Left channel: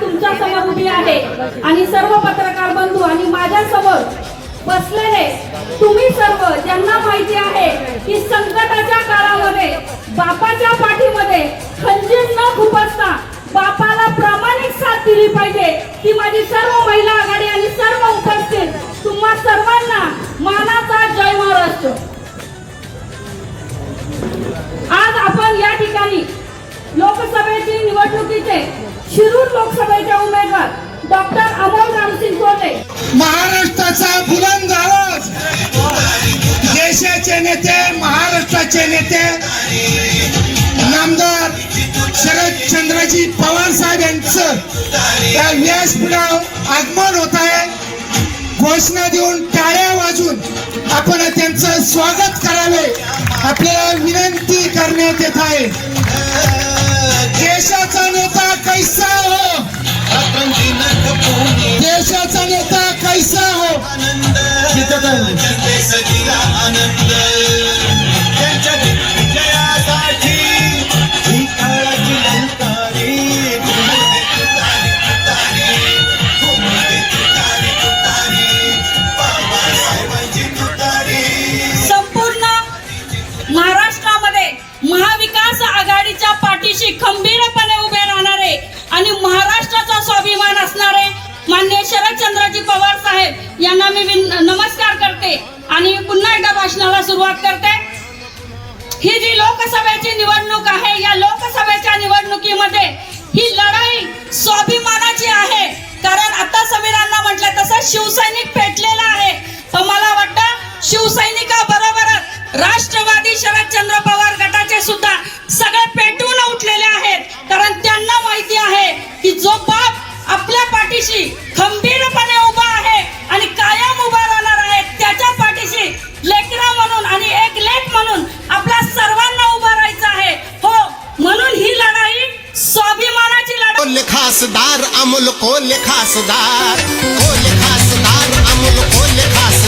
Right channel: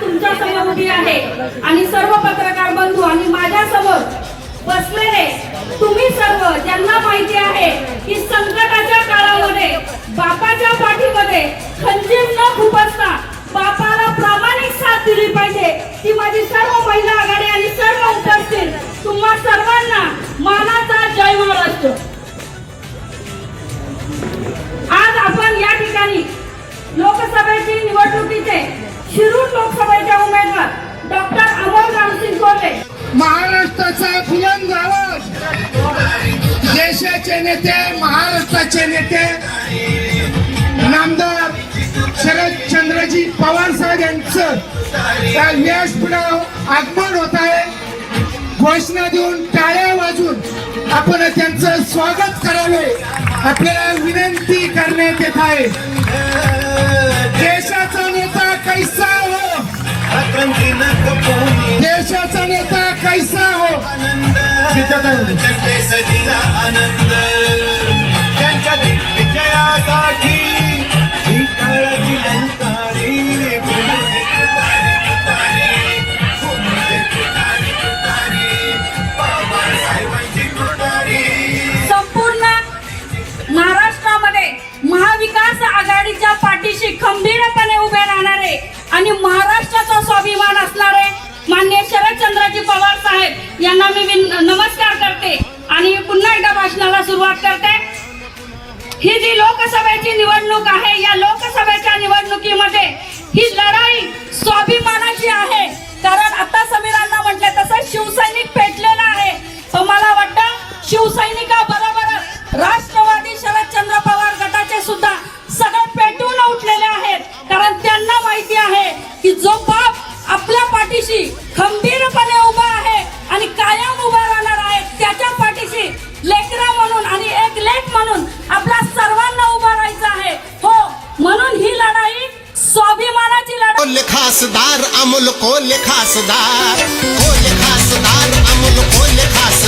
तुमच्या समोर उभी आहे आणि सर्व पत्रकार बंधू आणि माझ्या समोर बसलेले तुम्ही सर्व ज्यांना माहिती आहे की संकटाच्या काळामध्ये बापाच्या पाठीमध्ये खंजीर न नेते महाराष्ट्राचे नेते नामदार शरदचंद्रजी पवार साहेब यांचं व्यासपीठावर आगमन होत आहे घोषणा देऊन टाळ्या वाजून आपण त्यांचं स्वागत करावे आपल्याला विनंती करण्यात येत आहे महाराष्ट्राचा स्वाभिमान असणारे मान्य शरदचंद्रजी पवार साहेब यांना मी नमस्कार करते आणि पुन्हा एकदा भाषणाला सुरुवात करते ही जी लोकसभेची निवडणूक आहे या लोकसभेच्या निवडणुकीमध्ये ही लढाई स्वाभिमानाची आहे कारण आता समीरांना म्हटलं तसं शिवसैनिक पेटलेला आहे मला वाटतं शिवसैनिका बरोबर राष्ट्रवादी शरदचंद्र पवार की जो बाप आपल्या पाठीशी खंबीरपणे उभा आहे आणि कायम उभा राहणार आहे त्याच्या पाठीशी लेकरा म्हणून आणि एक लेख म्हणून आपल्या सर्वांना उभा राहायचं आहे हो म्हणून ही लढाई स्वाभिमानाची लढाई लेखासदार अमोल कोल खासदार कोल खासदार अमोल कोल खासदार